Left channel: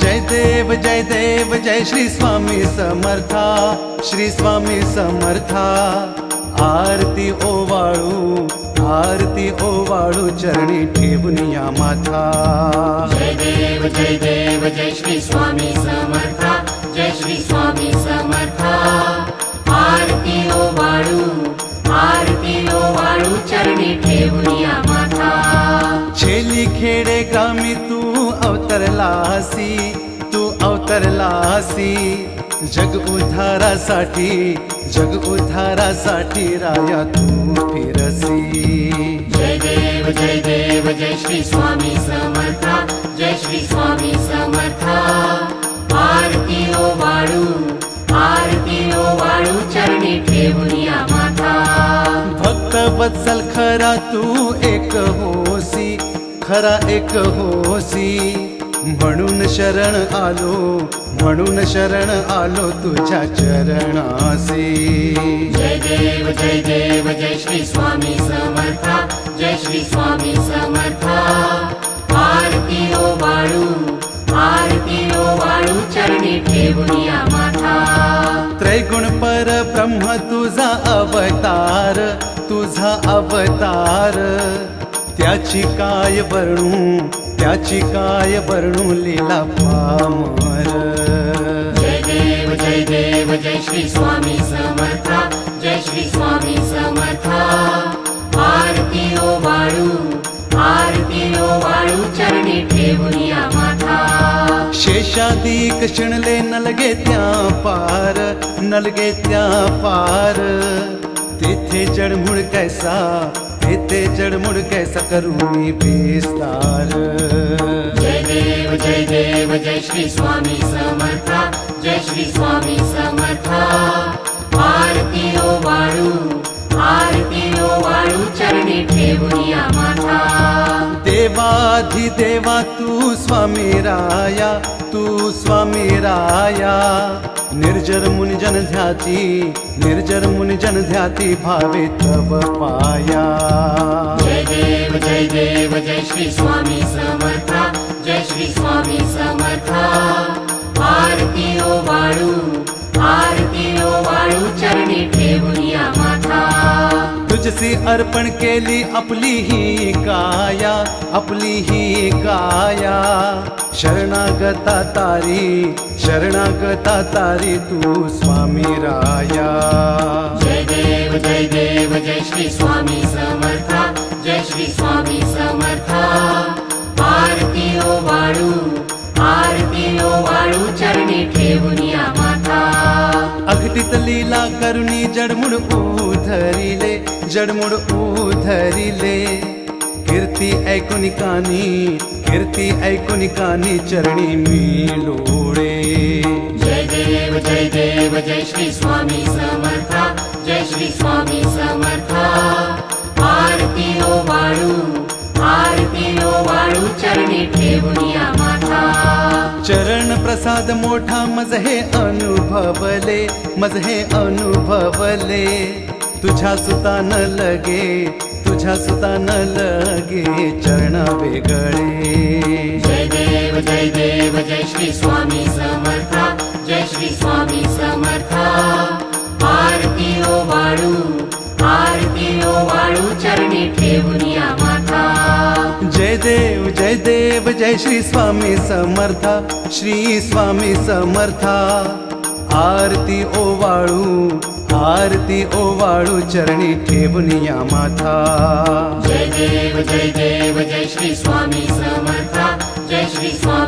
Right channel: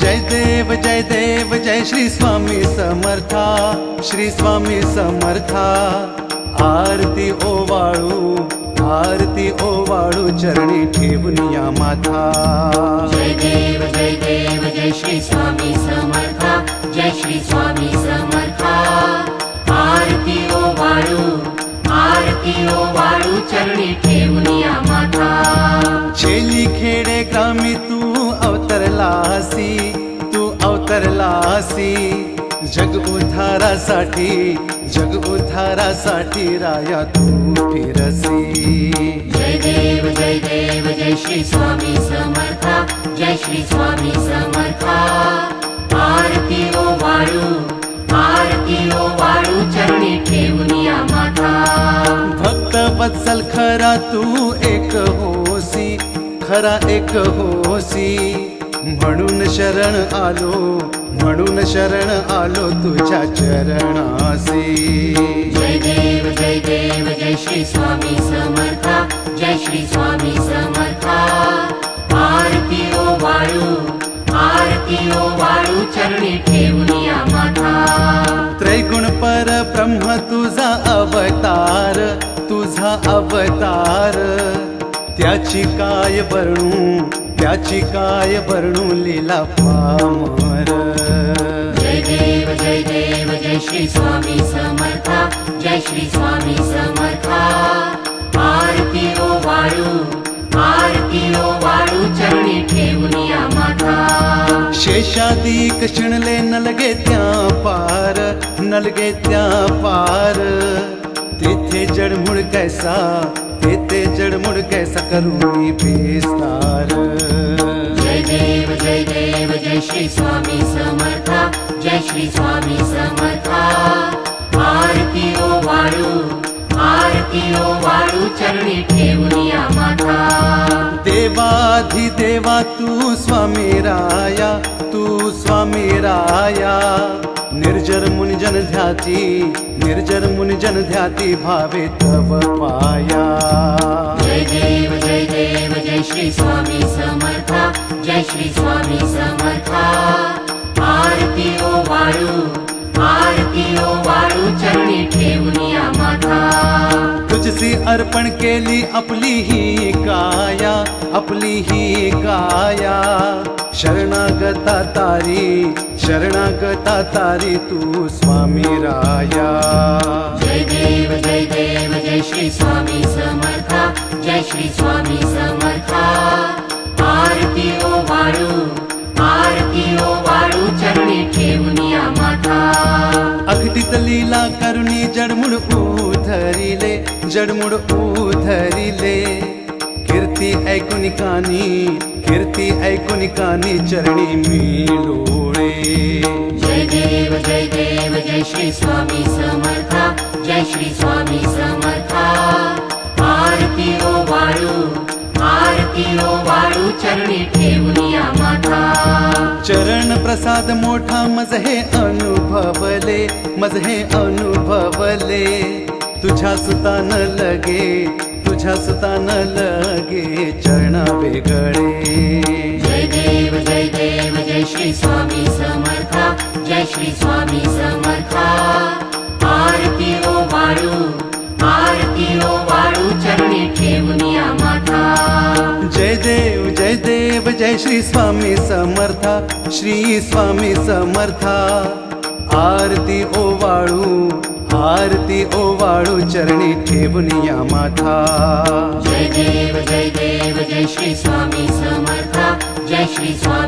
जय देव जय श्री स्वामी समर्था, श्री स्वामी समर्था। आरती ओवाळू चरणी ठेवून या माथा। जय देव जय श्री स्वामी समर्था, जय श्री स्वामी समर्था। आरती ओवाळू चरणी ठेवून या माथा। छेली खेडे ग्रामी तू अवतरलासी, जग उद्धारासाठी राया तू फिरसी। जय देव जय श्री स्वामी समर्था, जय श्री स्वामी समर्था। आरती ओवाळू चरणी ठेवून या माथा। भक्त वत्सल खरा तू एक होसी, म्हणून शरण आलो तुझ्या चरणासी। जय देव जय श्री स्वामी समर्था, जय श्री स्वामी समर्था। आरती ओवाळू चरणी ठेवून या माथा। त्रैगुण पर ब्रह्म तुझा अवतार, त्याची काय वर्णू लीला पामर। जय देव जय श्री स्वामी समर्था, जय श्री स्वामी समर्था। आरती ओवाळू चरणी ठेवून या माथा। शेषादिक शिणले नलगे त्या पार, तेथे जडमुड कैसा करू मी विस्तार। जय देव जय श्री स्वामी समर्था, जय श्री स्वामी समर्था। आरती ओवाळू चरणी ठेवून या माथा। देवाधिदेवा तू स्वामी राया, निर्जर मुनिजन ध्याती भावे तव पाया। जय देव जय श्री स्वामी समर्था, जय श्री स्वामी समर्था। आरती ओवाळू चरणी ठेवून या माथा। तुझसी अर्पण केली आपली ही काया, शरणागता तारी तू स्वामी राया। जय देव जय श्री स्वामी समर्था, जय श्री स्वामी समर्था। आरती ओवाळू चरणी ठेवून या माथा। अघटित लीला करुणी जडमुड उधरिले, कीर्ती ऐकुनी कानी चरणी मी लोळे। जय देव जय श्री स्वामी समर्था, जय श्री स्वामी समर्था। आरती ओवाळू चरणी ठेवून या माथा। चरण प्रसाद मोठा मज हे अनुभवले, तुझ्या सुतान लगे चरण वेगळे। जय देव जय श्री स्वामी समर्था, जय श्री स्वामी समर्था। आरती ओवाळू चरणी ठेवून या माथा। जय देव जय श्री स्वामी समर्था, श्री स्वामी समर्था। आरती ओवाळू चरणी ठेवून या माथा। जय देव जय श्री स्वामी समर्था, जय श्री स्वामी